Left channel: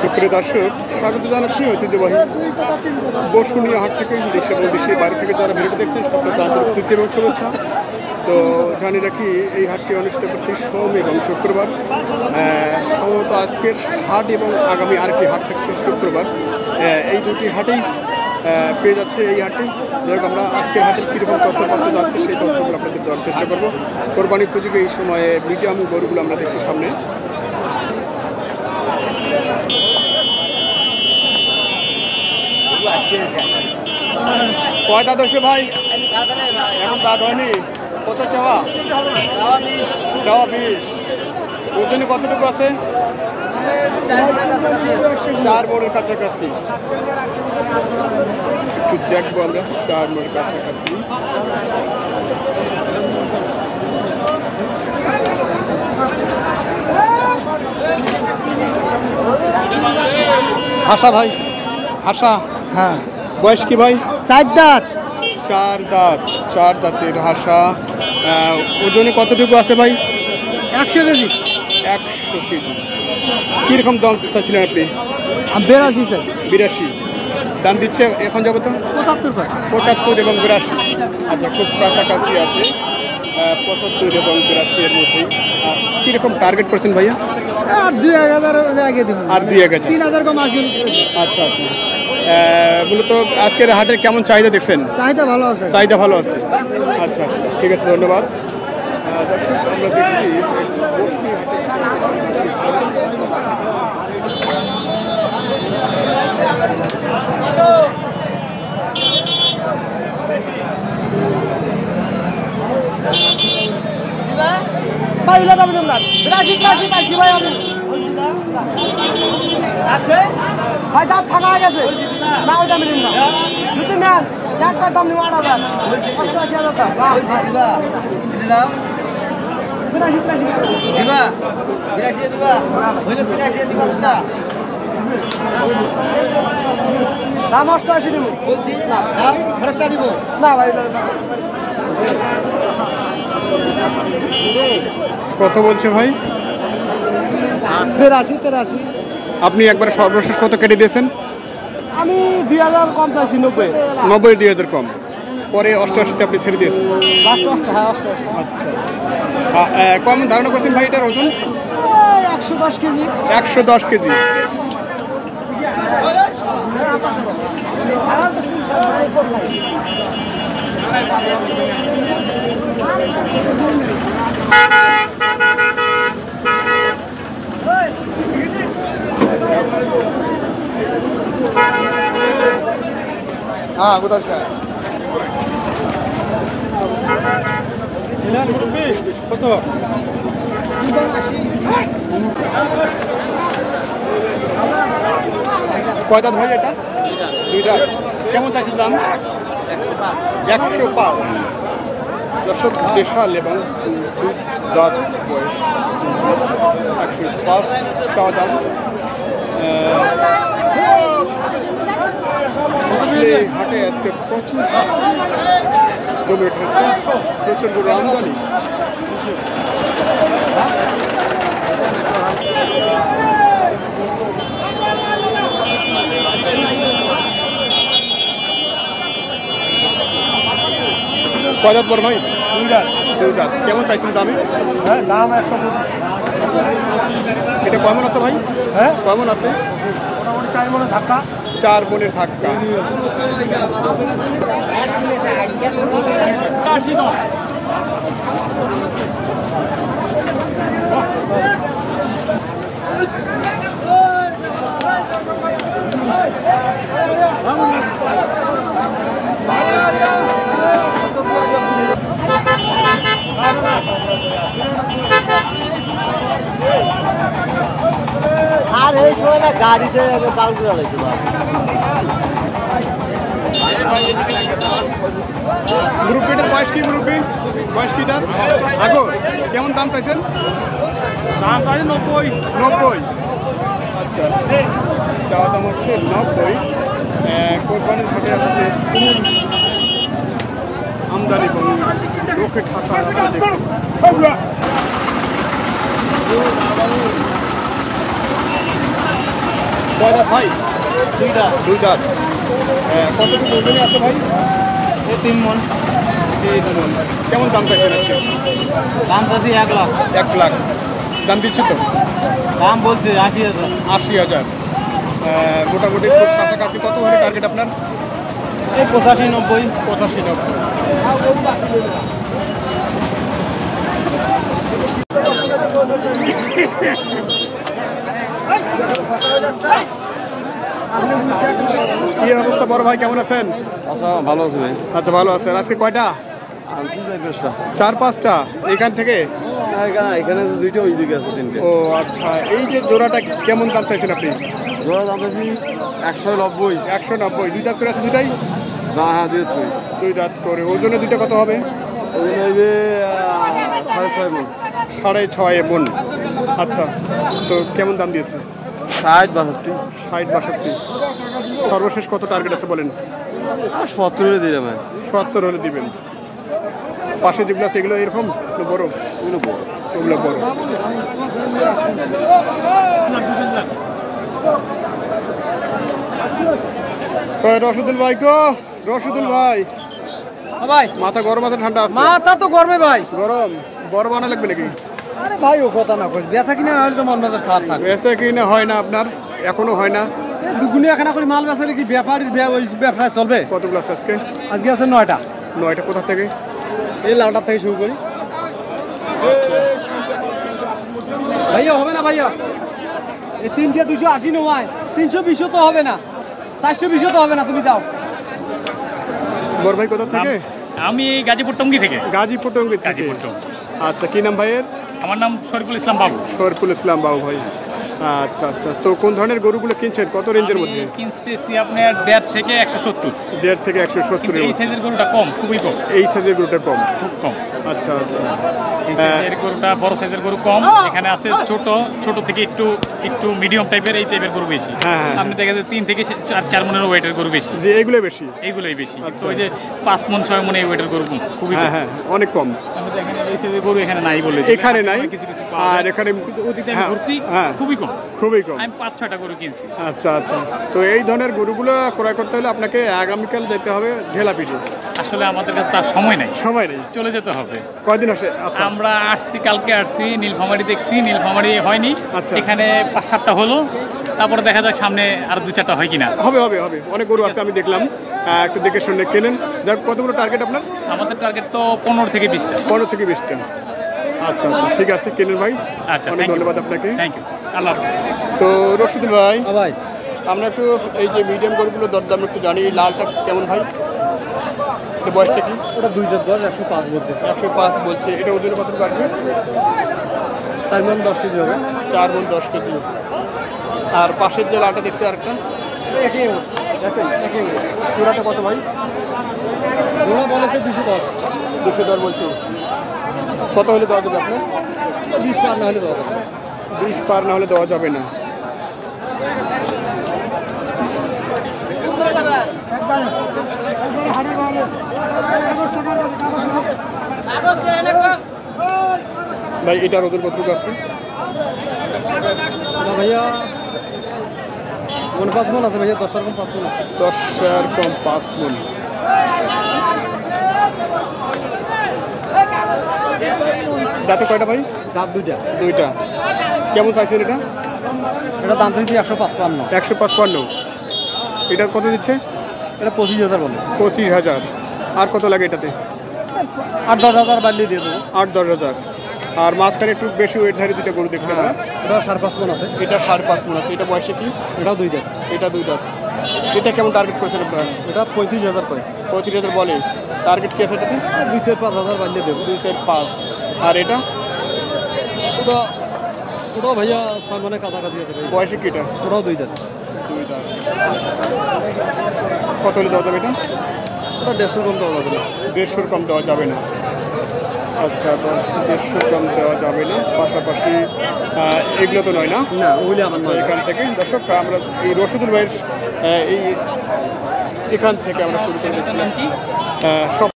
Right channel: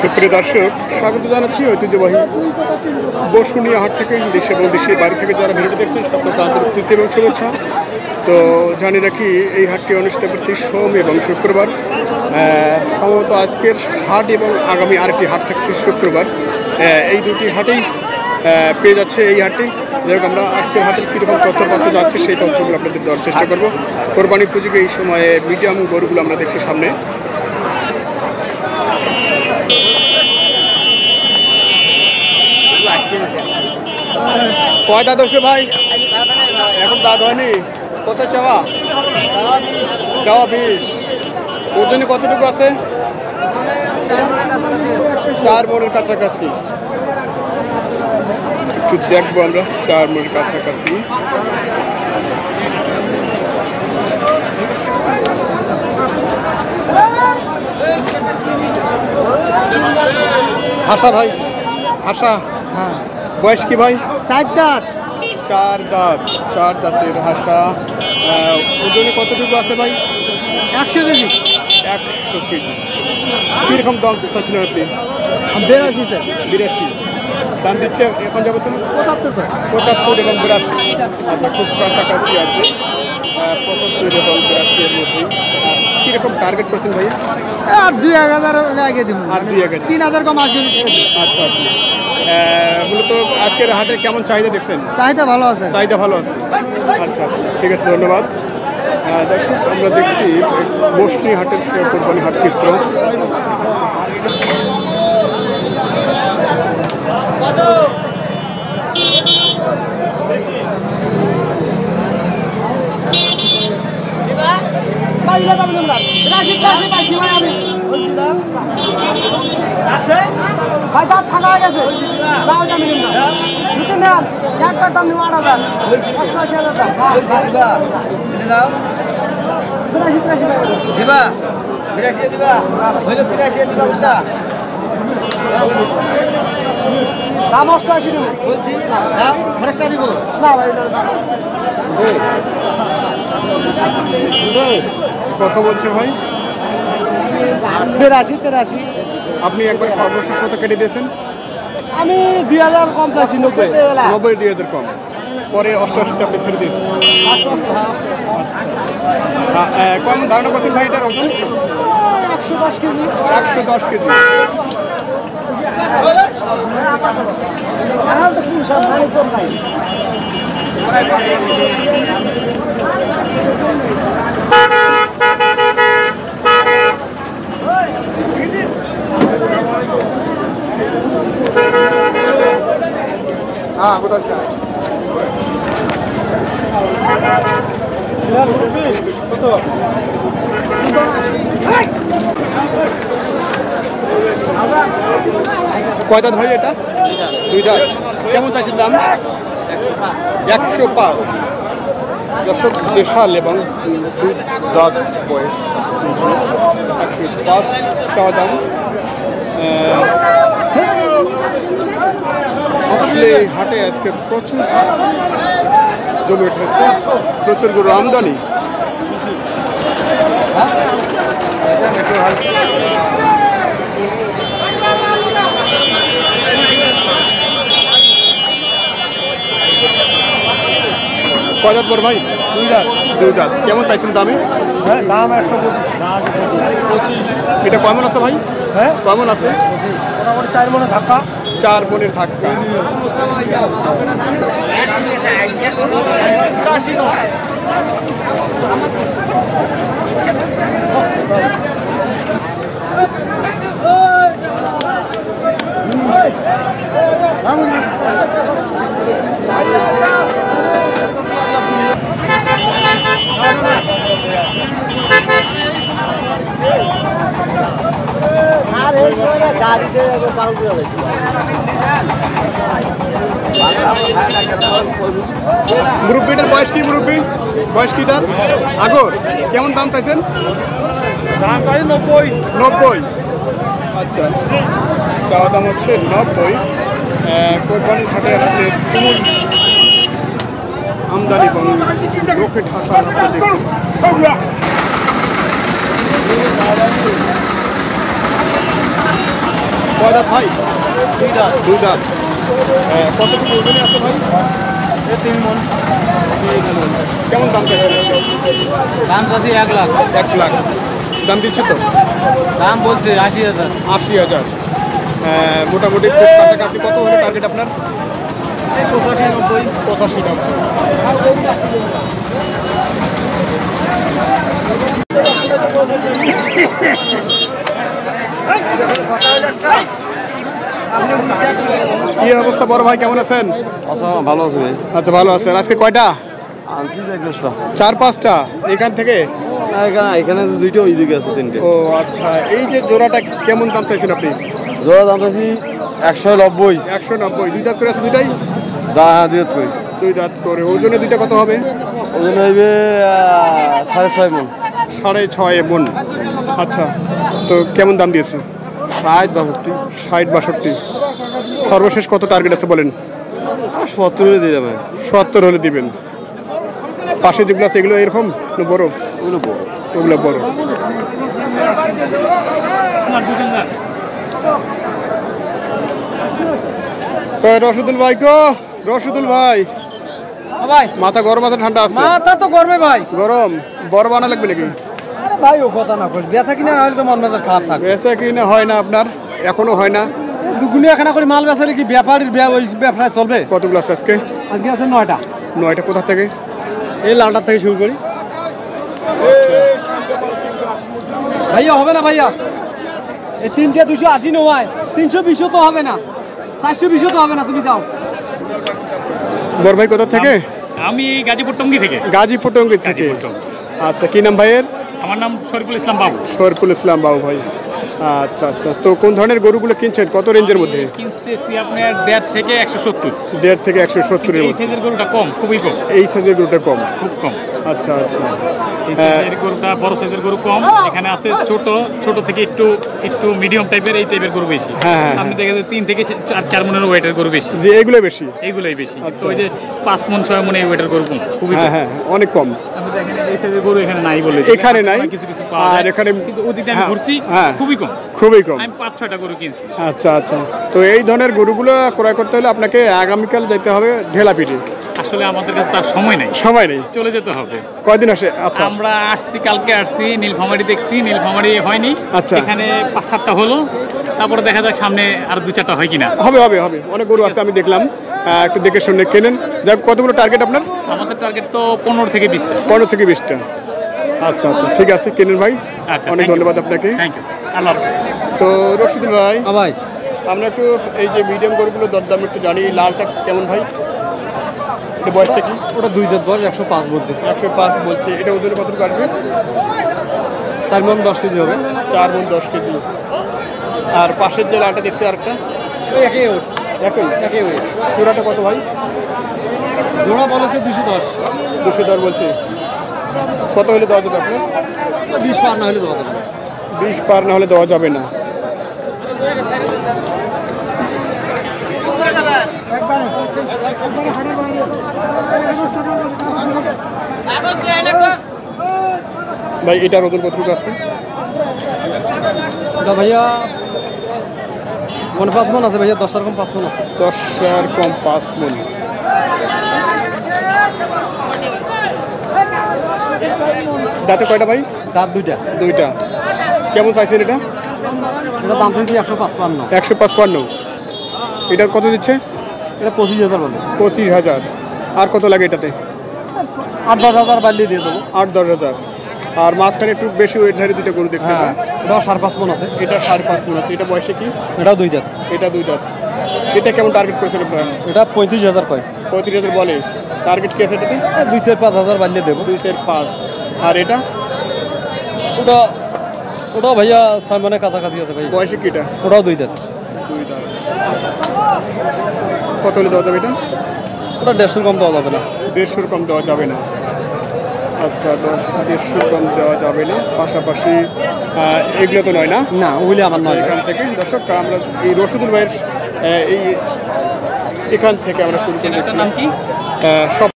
সুপ্রিয় দর্শক, স্বাগত জানাচ্ছি ঐতিহ্যবাহী বসুনিয়া হাট থেকে। দেশে এবং দেশের বাড়ি থেকে যারা ভিডিওটি দেখছেন সকলকে আন্তরিক প্রীতি এবং শুভেচ্ছা। তো জানিয়ে রাখি, এই হাটটি অনুষ্ঠিত প্রতি সোম এবং শুক্রবার। সম্ভবত আজকের হাট এবং আগামী আরেকটি হাট থাকছে শুক্রবার। এই দুটি হাটেই পেয়ে যাচ্ছে এই হাটটি। যাই হোক, আমরা আজকের হাটের কীরকম তথ্যপত্র যাচ্ছে সেই তথ্যগুলো আপনাদের দেওয়ার চেষ্টা করব। কোরবানি পুজোকে এই সময়ে মিডিয়াম গরুগুলো আমরা দেখছি সামনে। কয় দাঁত হয়েছে ভাই? এখন দাঁত হয়নি। কত চাওয়া? চাওয়া 20। ওজনে কতটুকু আছে? 4 মণের কাছাকাছি। একটু দেখবো আমরা 4 মণের কাছাকাছি। হাসা ভাই, হাসা। হ্যাঁ, বয়স কি ভাই? 4 দাঁত। 4 দাঁতের হাসা। ওজনে কতটুকু আছে ভাই? 100 কেজি। 100 কেজি। কীরকম দাম চাচ্ছিলেন আপনি? 82 স্যার। 82 দাম দিচ্ছে এখন যাবে তো? 75 এবং 82। আচ্ছা, খুব কাছাকাছি আছে। 75 এবং 82 এর মধ্যেই। কীরকম টার্গেট করছেন ভাইয়া? আর 2000 আগে দেবো। আর 2000? 3000 কম আসবে। আচ্ছা আচ্ছা। মূলত আজকের হাটের কেমন চাহিদা দেখছেন? চাহিদা ভালো আছে। চাহিদা ভালো আছে। আচ্ছা আচ্ছা, ঠিক আছে, ধন্যবাদ। দর্শক, আমরা দেখছি বসনি হাটের কোরবানি হাট চিত্র। কত বলছে ভাই? 83। আপনি একবার সর্বশেষ কত কেটে দিয়েছেন? আমি 2000 কম চাইছি। 90 2000 কম। পরে 88 আপনি ছেড়ে দিয়েছেন। আচ্ছা, কম ধারণা করছেন ভাই এটার ওজন? 110 কেজি। 110 কেজি। হ্যাঁ, কোথায়? কয় দাঁত ভাই এটা? 2 দাঁত। কেমন চাইছেন দাম? 105। দর্শক, দেশাল এবং 2 দাঁত বয়স। 105 চাওয়া দাম। হাটে আজকে প্রচুর জমে উঠেছে, প্রচুর গরু আমদানি। কয় দাঁত পর ভাই? 2 দাঁত। 2 দাঁত। কেমন চাইছেন দামে? হ্যাঁ, দাম 125। এটা কেমন আছে ভাই? হ্যাঁ, কেমন আছে? মোটামুটি 4 মণের ধাক্কা। 4 মণের ধাক্কা। মুরব্বীটার বয়স কি? বয়স কিটার? আগর কেমন দাম চাইছেন? দাম পাই 90। আচ্ছা, চাওয়া দাম হচ্ছে 90। কোরবানির হাটে আসলে তুমুল আমদানি এবং লোকে ঠাসা আপনারা দেখছেন। কয় দাঁত ভাই? 2 দাঁত। 2 দাঁত। কতটুকু ওজনে আছে ভাই? 3 মণ। 3 মণ। কেমন দাম চাইছেন আজকে? দাম চাচ্ছি 1 লাখ। 1 লাখ দাম দিচ্ছি তো? দাম বলছে 80,000। 80,000। মোটামুটি খুব কাছাকাছি। কত হলে টার্গেট আপনার? এই 85-90। 85-90। কি অবস্থা বড় ভাই, কেমন আছেন? আচ্ছা, ভালো আছে ভাই। আচ্ছা, ভালো আছেন। আজকে কয়টা? আনছি 4-5টা। 4-5টা এখান থেকে? এখানে 2টা, ওইদিকে আছে 3টে। ও আচ্ছা, এই যে জোড়াটা কেমন দাম চাইছেন আপনি? জোড়া দাম চাচ্ছি 190। 190। 2 দাঁত করে আছে দুইটাই? হ্যাঁ, 2 দাঁত। 2 দাঁত করে। ওজনে দুইটা কত হবে? ওজন হইবে 6.5 মণ। 6.5 মণ। আচ্ছা, তো কেমন দাম দিয়েছে? 60-62। 60-62। সর্বশেষ কত টার্গেট আছে বলেন? 70 দিলাম। 70 হলে দিবেন। পাশে যেগুলো আছে এগুলো এরকম না বড়? ওগুলো বড়। ওগুলো বড়। রশিদুল ভাই গো, রশিদুল ভাই, ভাই মাথা গরম আছে ঠান্ডা আছে? মাথা তো গরমে ভাই। গরম। বড় বানা লাগবে নাকি? আরে ভাই, ও কথা না কই, বেচা কিনা না হলে তো মন মেজাজ খারাপ থাকে। বেচা কিনা হয় না আপনার? এখনো হয় না? দুগুনি এখানে করে মাল বেচালে কি ব্যাপারীর ওই ব্যবসায় চলবে? কতগুলো আছে আজকে? আজকে আছে 9টা। 9টা। কোথা থেকে? এই লালটার থেকে শুরু করি। ভাইয়া হবে না ভাইয়া, এই 3টে 280 নয়, 320 তো হবে না, 420 তো হবে না। তুমি যাও। বড় ভাই কোথা থেকে? আমি গাজীপুর টঙ্গী থেকে। গাজীপুর টঙ্গী থেকে। গাজীপুর টঙ্গী। আচ্ছা, কি নাম ভাইয়ের? আমার নাম শরীফুল ইসলাম বাবু। শরীফুল ইসলাম বাবু ভাই। আচ্ছা আচ্ছা, তো কোন ধরনের গরুগুলো কিনছেন? কত রেঞ্জের মধ্যে? আমি কিনতেছি আপনার 1.5 থেকে 170। 1.5 থেকে 170 এর এই মধ্যে। সাইজের গরুটা কম, খুবই কম। এই সাইজের গরুটা কম? খুব কম। আচ্ছা আচ্ছা। এই সাইজের গরুটা, বড় সাইজের গরু কম। এখানে আছে ছোট থেকে একটু মিডিয়াম টাইপের, এই টাইপের গরু বেশি। হ্যাঁ। আপনি দেখা যায় 3 থেকে 4 মনের ওয়েটের গরু বেশি। যে এগুলো বেশি? এইগুলোই বেশি। আচ্ছা। তো ওই যে 5 মন 6 মন এই ওয়েটের গরু কম, খুবই হ্যাঁ কম। হ্যাঁ, অনেক কম। আমরা দেখেন এই সাইজের গরু এখানে নাই বলে। এখানে নাই? কিছু কিছু পাওয়া আর যায়। এখানে কিন্তু ওদিকে আমি হ্যাঁ, ঘুরছি, হ্যাঁ। খুবই কম। খুবই কম। আমি 5-6টা গরু কিনছি। আচ্ছা আচ্ছা, তো এই ধরনের গরুগুলো ক্রয় করতে হলে আপনাকে আগামীকাল যেতে হবে ঢেলাপিটি। আসলে আমাদের কাছে তার সময় নাই, সময় নেই। চলে যেতে হবে। কয়দিন আসে? আচ্ছা, আমরা আসছি, কালকে আসছি, নীলফামারী দেখছি, নীলফামারী হয়নি। আচ্ছা। এখানে 5-7টা হলো, তারপরে দেখা যাক সামনে আর 2-4টা হয় কিনা। হবে হবে হবে, অনেক গরু আছে আমি দেখলাম। একটু দেখে শুনে কেনেন। যাক, কতগুলো টার্গেট আপনার? আমাদের টার্গেট তো 15 থেকে 20টা। 15 থেকে 20টা। আচ্ছা আচ্ছা, ঠিক আছে, কেনেন ভাই। আচ্ছা, অনেক ধন্যবাদ আপনাকে। Thank you. আল্লাহ হাফেজ। তো রশিদুল ভাই, ভাই আমরা একটু এই যে মিডিয়াম গরুগুলো দরদাম একটু জানি। লালটা কেমন ভাই? এটা বয়সটা কি? ওটা 2 দাঁত বয়স, 105 বলতেছে। 105 বলছে। এটা ওজনে কতটুকু আসবে? 4 মণ 10 কেজি হবে। 4 মণ 10 কেজি। আর পাশের যে লালটা দেখছি আরেকটা? একই একই। জোড়াটা কত ভাই? জোড়া বলেছে 210। 210 বলছে। কত হলে দেওয়া যাবে আপনার? 20 পার না হলে দেওয়া যাবে। 20 পার না হলে দেওয়া যাবে না। ভাই, এটার ওজন কতটুকু আছে? এটা ভাইয়া 5 মণ আছে ভাইয়া, 10 এর কম 5 মণ আছে। 10 এর কম 5 মণ। দাঁতে কয়টা ভাই? দাঁত 2টা। 2টা। কেমন চাইছেন এটা? এটা দাম চাইছি 155। 155। এটা কত দিচ্ছে? এটা 25,000 বলে। 25,000। আর কত লাগে এটাতে? 8-10,000 বাড়িয়ে দিয়ে দেবো। 8-10,000। আর মাঝখানে একটু বেশি ওয়েটধারী দুটো গরু দেখছি আমরা। ওটা 5.5 মণ আছে। এটা 5.5 মণ আছে। এটা বয়সে কি? এটাও 2 দাঁত। এটা 2 দাঁত। এটা কেমন টার্গেট করেছেন আপনারা? এটা 35,000 কয়। 35,000 বলে। টার্গেট কি আছে এটাতে? 2-4-5,000 বাড়িয়ে দেবো। 2-4-5। আর এটা? ওটাও ভাইয়া 6 মণের কাছাকাছি আছে ভাই। বয়সে কি এটা? ওটাও 2 দাঁত। 2 দাঁত। কত হলে দেওয়া যাবে এটা? ওটা 150 কম দেওয়া যাবে না। 150 কম দেওয়া যাবে না। আচ্ছা, 150 কম দেওয়া যাবে না। পাশাপাশি এগুলো তো নয় না? না, ওগুলি আমার আচ্ছা, না। এখান থেকে দর্শক আমরা এই রশিদুল ভাইয়ের এই এখান থেকে আমরা শুরু করে দিচ্ছি। নাম কি? সব